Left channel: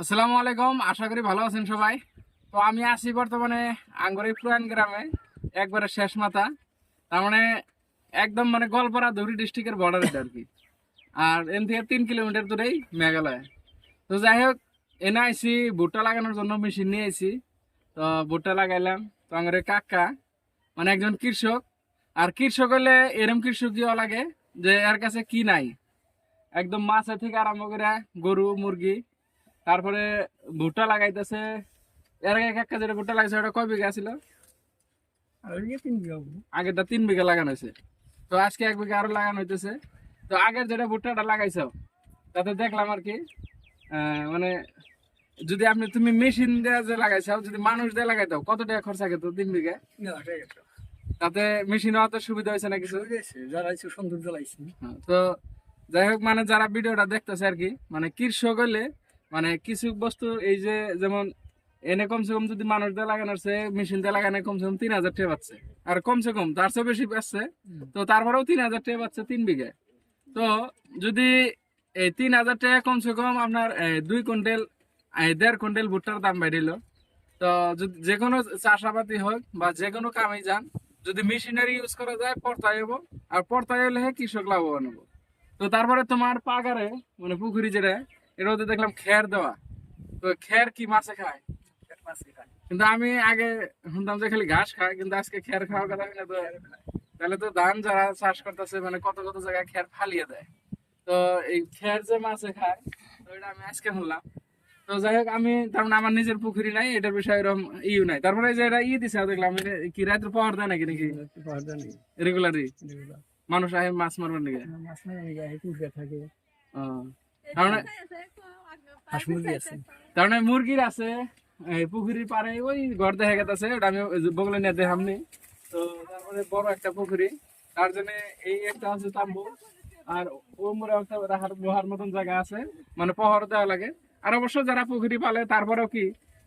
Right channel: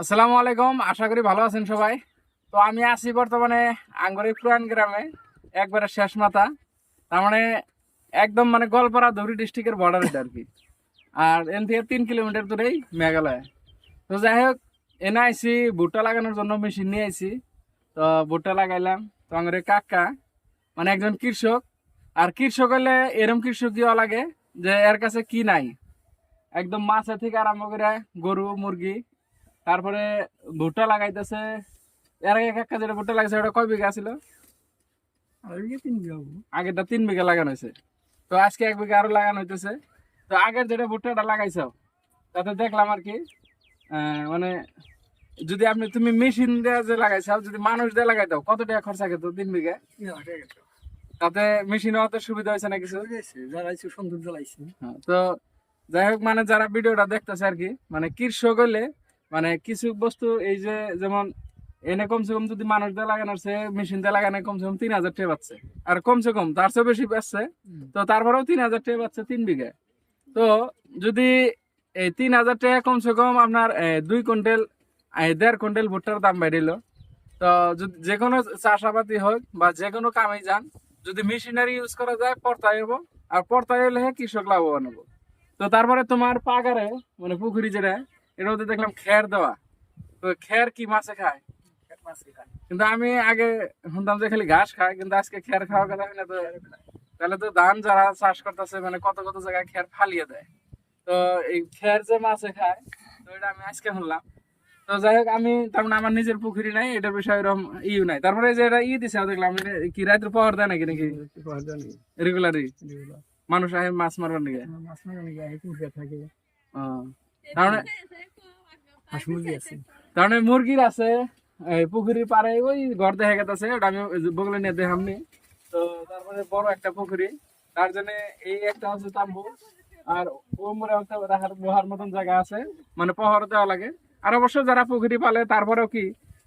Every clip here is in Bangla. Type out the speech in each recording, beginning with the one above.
আসসালামু আলাইকুম, আশা করি ভালো আছেন সবাই। তো আমি আছি বর্তমানে আঙ্গুরি পুরান গ্রামে, একবারে শেষ মাথা। তার মানে একদম মানে গোলপাড়া ধুরি ডিস্ট্রিক্টের বর্ডার আর কি। আর এন থেকে তিন কিলোমিটার দূরেই মেঘালয়। তো যাই হোক, এনে আইসি ভুট্টা লাগানোর জন্য মেশিন নিয়ে আইসি তো ভুট্টা লাগাইলাম। তো আঙ্গুরে কাকা মানে একজন কৃষক। আর কৃষক হলে এরম কৃষক কি লাগে যে এর কাছে কি নাই। একদম মাছের থেকে আরম্ভ করে গরু, মুরগি তারপরে ভুট্টা লাগাইতেছে। এর আগে কাকা যেটা ভুট্টা লাগাইছে ওটা কয় বিঘা ছিল আগেরটা তিন বিঘা লাগানো হয়েছে। তো আজকে এক বিঘা আরও লাগানো হইতেছে। তো আগের যেটা ভুট্টাটা লাগাইছো তাতে দেখলাম আর কি মানে যদি আপনি তুমি মেশিন দিয়ে যে লাগাইছো যদি মানুষ দিয়ে লাগাইতো কত টাকা খরচা খেত তিন বিঘা? তাতে মেশিন অত সুবিধা হয়েছে না কিছু? যারা একটু সুন্দর জ্বালাইছে হ্যাঁ, তো যাই হোক মানে যারা ভিডিওটা দেখতেছে আর কি মানে কৃষক হইলে মানে কিছু বস্তু এই যে যেমন এনে কমসে কম যদি মানুষ দিয়ে লাগানোর সে মেশিন দিয়ে লাগানো কমসে কম তিন হাজার টাকা পাচ্ছে। আর কমসে কম তার চেয়ে বেশি পাচ্ছে। তো তারপরেও তিন হাজার টাকা পাচ্ছে তিন বিঘে। তো যদি এই তিন হাজার টাকা কমসে কম আপনার দুই কুইন্টাল দেড় কুইন্টাল ভুট্টার দাম বাড়িল। তো যদি যে কোনো চাষাবাদি হোক বা যে কোনো কামে যান যদি মেশিনারি ইউজ করা যায় পর্তায় হব আর পর্তায় হলে কৃষক লাভবান হব তো তারপরে তোমার পাগারে মানে পুকুরি যেটা এটা ওদের দেখলাম খের দেওয়া। তো খের কি মাছে খায়? কিন্তু আমি আগে শুনতাম যে খালি ঘাস খায় কিন্তু আজকে খের খাওয়া কথা শুনে তো তাহলে তো ধান যারা চাষ করতেছে মানে কত কত জায়গায় খের ফালিয়ে দেয়। তো এই খের যে মাছে খায় তো এটা আমি আজকে শুনলাম। তো যাই হোক আমি তার মানে আমার নিজের পুকুরি নাই এটা বিষয়ে এরকম ইউ নাই। তারপরে যে এটা ই দিছে দেখলাম কি রাত্রে পাওয়ার দেয় নাকি নাকি? রেগুলারই মানুষ আহে মাছ মারবার নাকি? থাকে। ও। তার মানে হাঁস মুরগি আছে তার মানে মুরগির আছে পুকুরির পারে ওই ঘর দেখা গেছে ওটা আমি বগলে নিয়ে দেখামনি তো তারপরে বড় একটা পুকুরি তার জন্য এই একটা তাম্বু আর ও মরে একটা বহার মতন জায়গা আছে মানে পহর দেওয়া লাগে। আর অবশ্য যারা পুকুরি পালে তারপরেও কি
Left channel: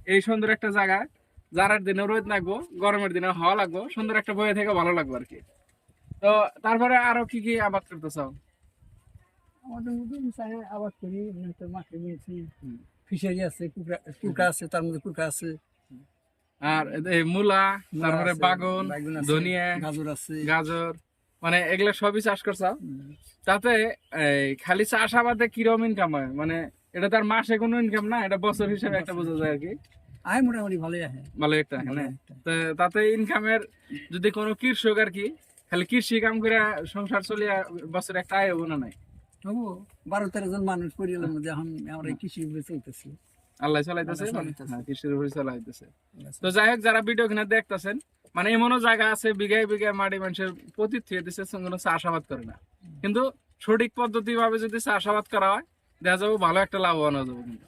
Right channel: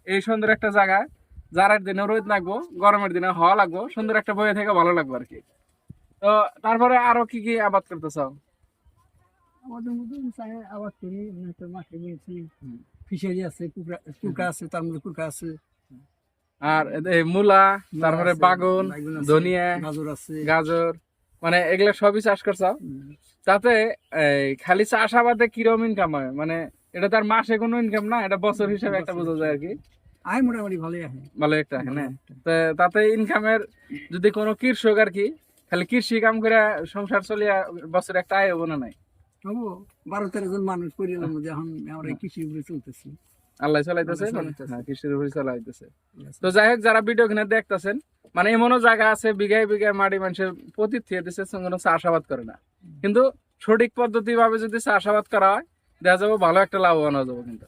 এই সুন্দর একটা জায়গা যারার দিনে রোদ লাগবো গরমের দিনে হওয়া লাগবো সুন্দর একটা বয়ে থেকে ভালো লাগবে আর কি। তো তারপরে আরও কি কি আবাদ করতেছ আমাদের মধ্যে আবাদ করি তো মাঠে ফিশারি আছে কুকড়া আছে তার মধ্যে আছে। আর এই মূলা তারপরে বাগুন ধনিয়া গাজর আছে। গাজর মানে এগুলা সবই চাষ করছ? হুম। তাতে খালি চাষাবাদে কিরম ইনকাম হয়? মানে এটা তার মাসে কোনো ইনকাম না এটা বছর হিসাবে একটা বোঝা যায় আর কি। আয় মোটামুটি ভালোই আছে ভালো একটা হ্যাঁ তাতে ইনকামের যদি কোনো কৃষক আর কি খালি কৃষি কাম করে সংসার চলিয়া বছর একটা আয় হব না নাই? তবু বারো তেরো জন মানুষ মধ্যে এখন আমরা কৃষির উপরে চলতেছি। আল্লাহ চলাইতেছে। হ্যাঁ কৃষির উপরে চলাইতেছে। তো যাই হোক যারা ভিডিও কিনে দেখতেছেন মানে এমনও জায়গা আছে বিঘায় বিঘায় মাটি মানুষের প্রতি থিয়ে দিচ্ছে কোনো চাষাবাদ করে না। কিন্তু সঠিক পদ্ধতি ভাবে যদি চাষাবাদ করা হয় দেখা যাব ভালো একটা লাভবান হয়ে যাব কিন্তু।